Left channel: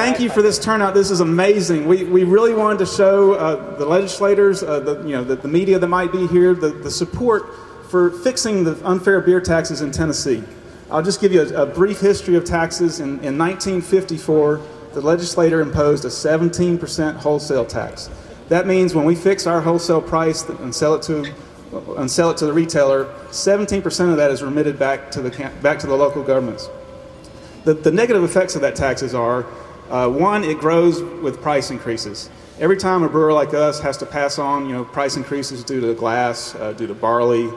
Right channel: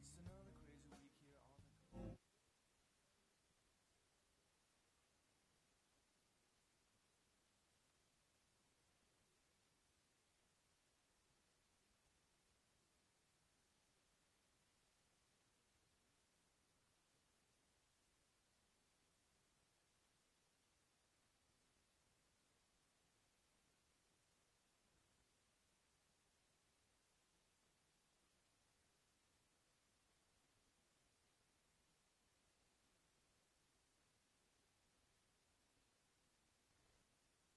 thank you for this turnout. This is amazing. We really wanted to show the legislators, the media that might be here, the support for fixing the unfair beer taxes in Tennessee. I'll just give you a brief history of taxes. In 1954, the legislator imposed a 17% wholesale tax. That means when we fix our wholesale price and sell it to the retailer, 17% of that is remitted back to the local governments. The negative effects of that taxes are, one, it grows with price increases. Every time a brewer like us has to pass on, price increases due to glass, due to barley,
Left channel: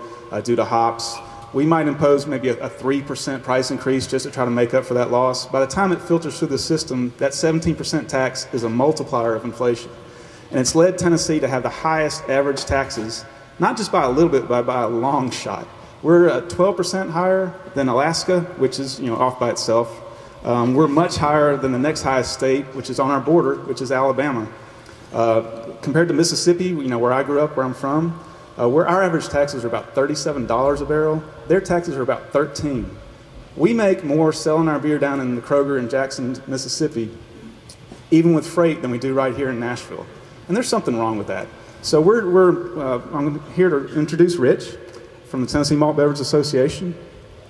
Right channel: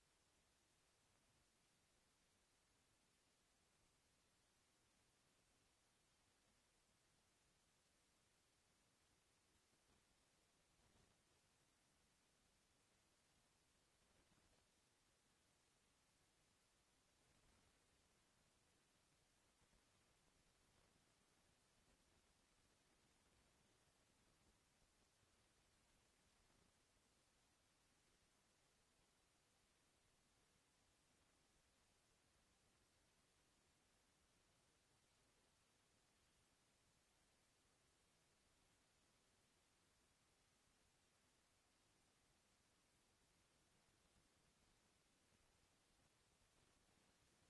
due to hops, we might impose maybe a 3% price increase just to try to make up for that loss. By the time it filters through the system, that 17% tax is a multiplier of inflation. And it's led Tennessee to have the highest average taxes, not just by a little bit, but by a long shot. We're 12% higher than Alaska, which is off by itself. We're much higher than the next highest state, which is on our border, which is Alabama. Compared to Mississippi, where I grew up, where I'm from, where our average taxes are about $37 a barrel, their taxes are about $13. We make more selling our beer down in the Kroger in Jackson, Mississippi, even with freight, than we do right here in Nashville. And there's something wrong with that. So I'm here to introduce Rich from the Tennessee Malt Beverage Association.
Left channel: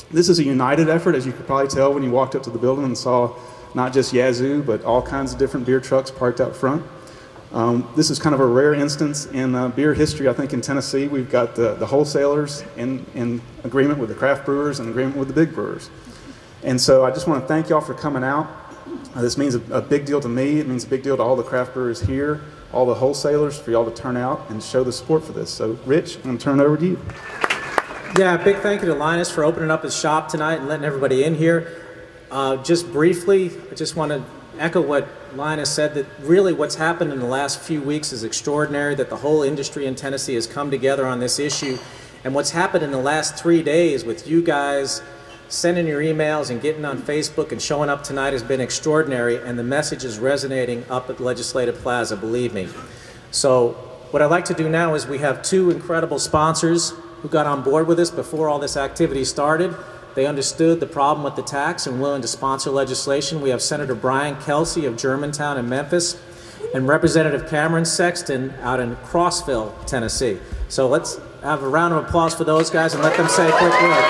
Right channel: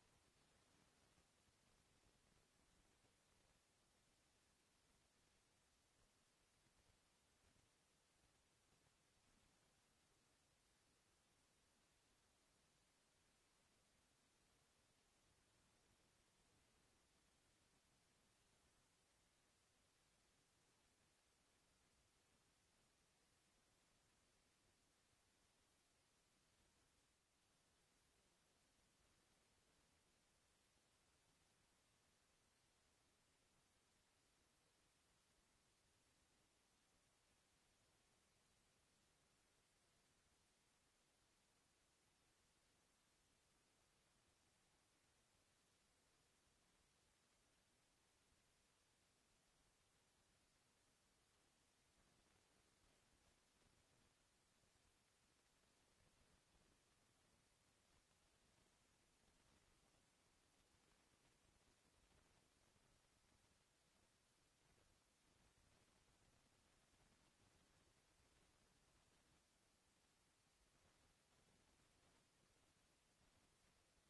This is a united effort, as you could probably tell when you walked up to the building and saw not just Yazoo, but all kinds of different beer trucks parked out front. This is kind of a rare instance in beer history, I think, in Tennessee. We've got the wholesalers in agreement with the craft brewers and agreement with the big brewers. And so I just want to thank y'all for coming out. This means a big deal to me. It means a big deal to all the craft brewers here, all the wholesalers, for y'all to turn out and show the support for this. So, Rich, I'm going to turn it over to you. Yeah, big thank you to Linus for opening up his shop tonight and letting everybody in here. Just briefly, I just want to echo what Linus said, that really what's happened in the last few weeks is extraordinary, that the whole industry in Tennessee has come together on this issue. And what's happened in the last 3 days with you guys sending your emails and getting on Facebook and showing up tonight has been extraordinary, and the message is resonating up at Legislative Plaza, believe me. So what I'd like to do now is we have two incredible sponsors who got on board with us before all this activity started. They understood the problem with the tax and willing to sponsor legislation. We have Senator Brian Kelsey of Germantown and Memphis, and Representative Cameron Sexton out in Crossville, Tennessee. So let's have a round of applause for those guys and let them say a quick word.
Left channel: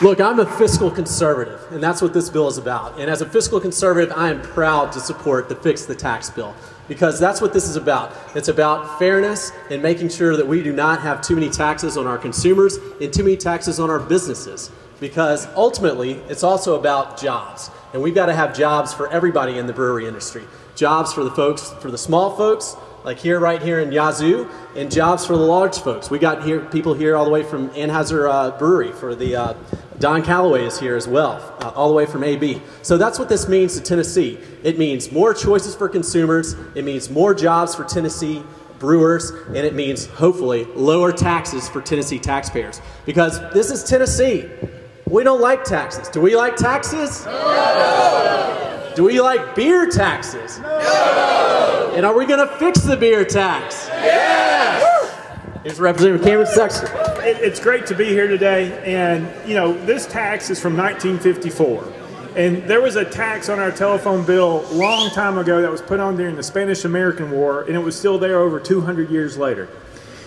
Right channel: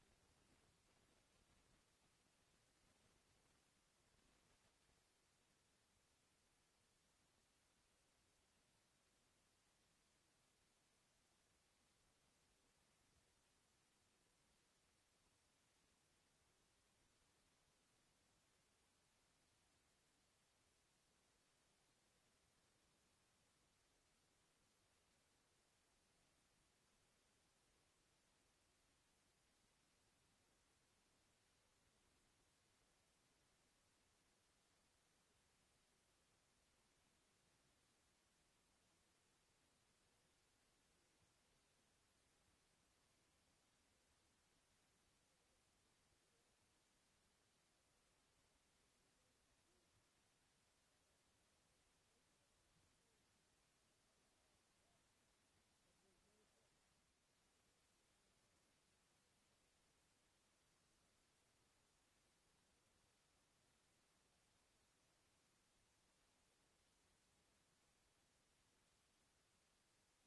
Look, I'm a fiscal conservative, and that's what this bill is about. And as a fiscal conservative, I am proud to support the Fix the Tax bill, because that's what this is about. It's about fairness and making sure that we do not have too many taxes on our consumers and too many taxes on our businesses, because ultimately it's also about jobs. And we've got to have jobs for everybody in the brewery industry. Jobs for the folks, for the small folks, like right here in Yazoo, and jobs for the large folks. We got here people here all the way from Anheuser Brewery, for the Don Calloway is here as well, all the way from AB. So that's what this means to Tennessee. It means more choices for consumers, it means more jobs for Tennessee brewers, and it means, hopefully, lower taxes for Tennessee taxpayers. Because this is Tennessee. We don't like taxes. Do we like taxes? No! Do we like beer taxes? No! And are we going to fix the beer tax? Yes! Here's Representative Cameron Sexton. It's great to be here today, and this tax is from 1954. And there was a tax on our telephone bill a long time ago that was put on during the Spanish-American War, and it was still there over 200 years later.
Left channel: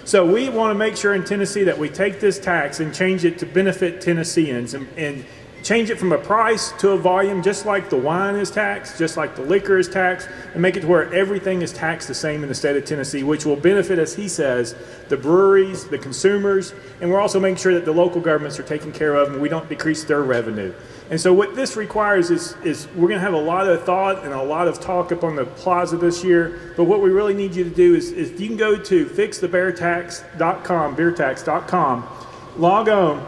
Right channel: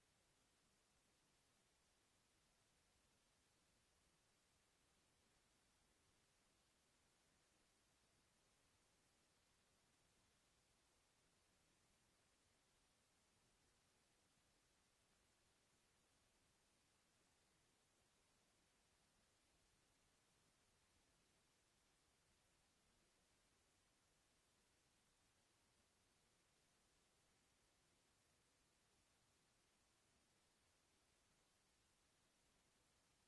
So we want to make sure in Tennessee that we take this tax and change it to benefit Tennesseans, and change it from a price to a volume, just like the wine is taxed, just like the liquor is taxed, and make it to where everything is taxed the same in the state of Tennessee, which will benefit, as he says, the breweries, the consumers, and we're also making sure that the local governments are taken care of and we don't decrease their revenue. And so what this requires is we're going to have a lot of thought and a lot of talk up on the plaza this year, but what we really need you to do is you can go to fixthebeertax.com, beertax.com, log on,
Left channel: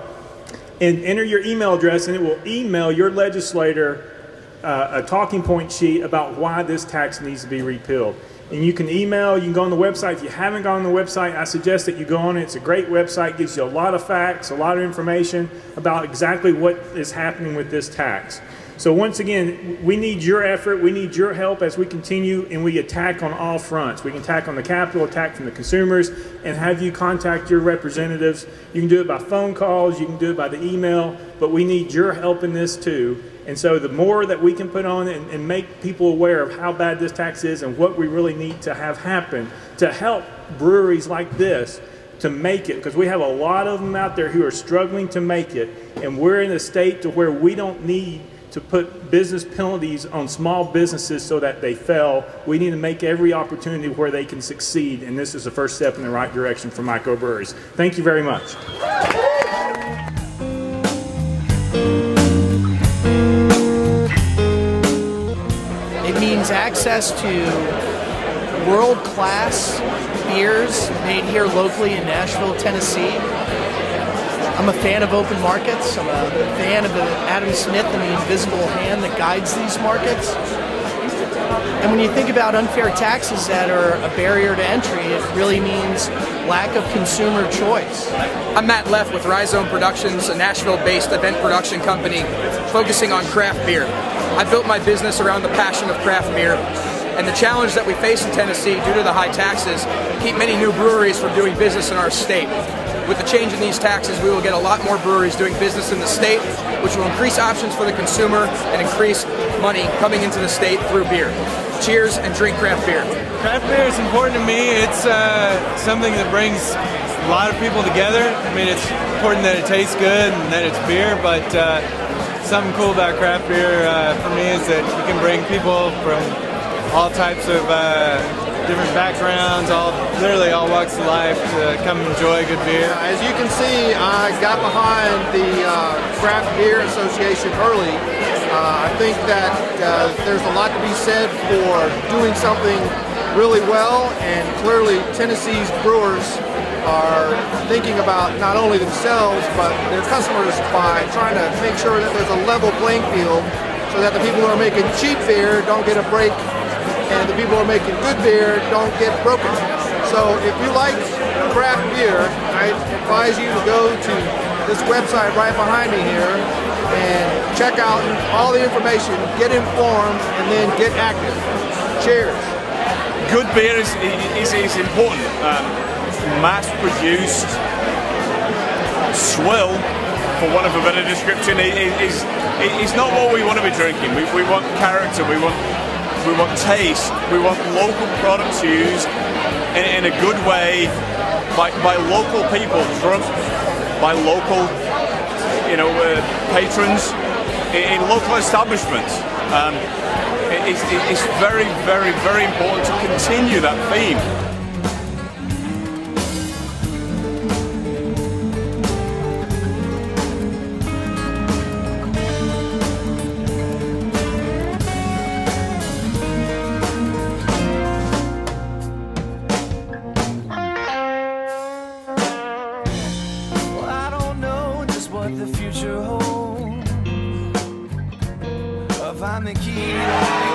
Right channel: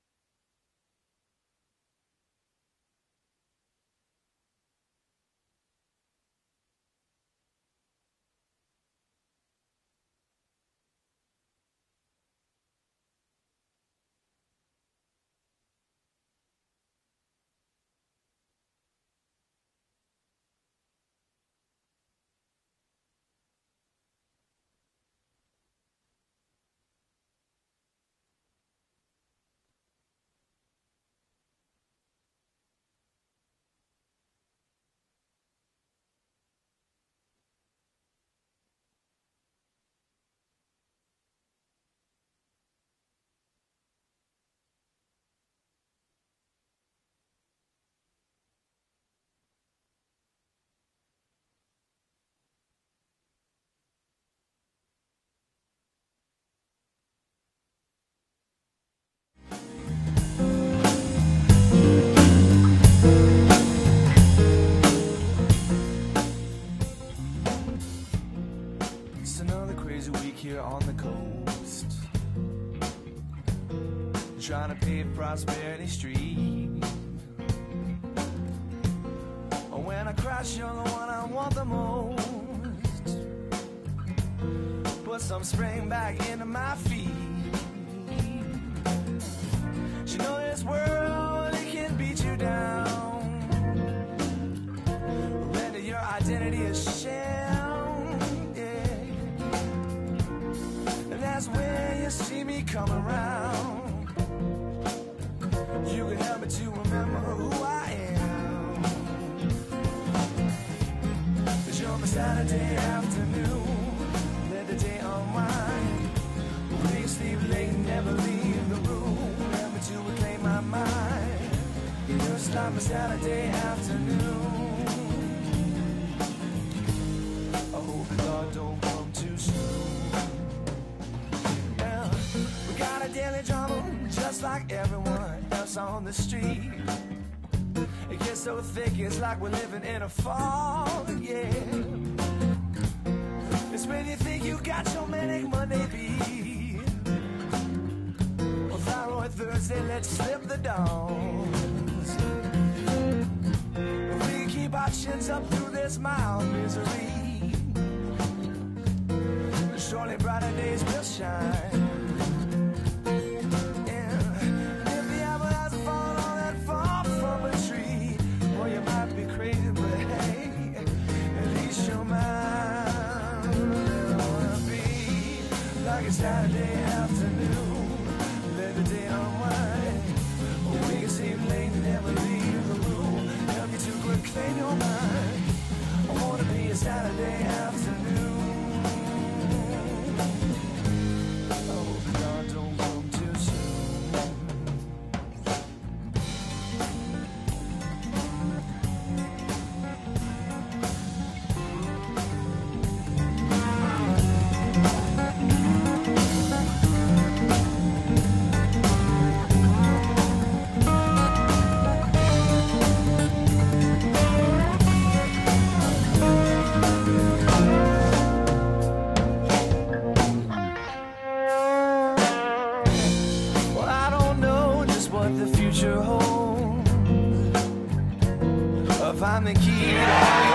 and enter your email address, and it will email your legislator a talking point sheet about why this tax needs to be repealed. And you can email, you can go on the website. If you haven't gone on the website, I suggest that you go on it. It's a great website, gives you a lot of facts, a lot of information about exactly what is happening with this tax. So once again, we need your effort, we need your help as we continue and we attack on all fronts. We can attack on the Capitol, attack from the consumers, and have you contact your representatives. You can do it by phone calls, you can do it by the email, but we need your help in this too. And so the more that we can put on and make people aware of how bad this tax is and what we really need to have happen to help breweries like this to make it, because we have a lot of them out there who are struggling to make it, and we're in a state to where we don't need to put business penalties on small businesses so that they fail. We need to make every opportunity where they can succeed, and this is the first step in the right direction for microbreweries. Thank you very much. It means access to world-class beers made here locally in Nashville, Tennessee. I'm a fan of open markets. I'm a fan of Adam Smith and the invisible hand that guides these markets. And when you think about unfair taxes that are a barrier to entry, it really means lack of consumer choice. I'm Matt Leff with Rhizome Productions, a Nashville-based event production company focusing on craft beer. I built my business around the passion of craft beer, and the challenge that we face in Tennessee due to the high taxes keep many new breweries from doing business in our state. With the change in these taxes, we will get a lot more breweries doing business in the state, which will increase options for the consumer and increase money coming into the state through beer. Cheers and drink craft beer. Craft beer is important to me. It's something that brings a lot of people together. I mean, it's important that it tastes good and that it's beer, but something cool about craft beer for me is that you can bring people from all types of different backgrounds, literally all walks of life to come enjoy good beer. As you can see, I got behind the Craft Beer Association early. I think that there's a lot to be said for doing something really well, and clearly Tennessee's brewers are thinking about not only themselves but their customers by trying to make sure that there's a level playing field so that the people who are making cheap beer don't get a break and the people who are making good beer don't get broken. So if you like craft beer, I advise you to go to this website right behind me here and check out all the information, get informed, and then get active. Cheers. Good beer is important. Mass-produced swill, for want of a better description, is not what we want to be drinking. We want character, we want taste, we want local products used in a good way by local people, drunk by local, patrons in local establishments. It's very, very, very important to continue that theme. The future holds. Find the key to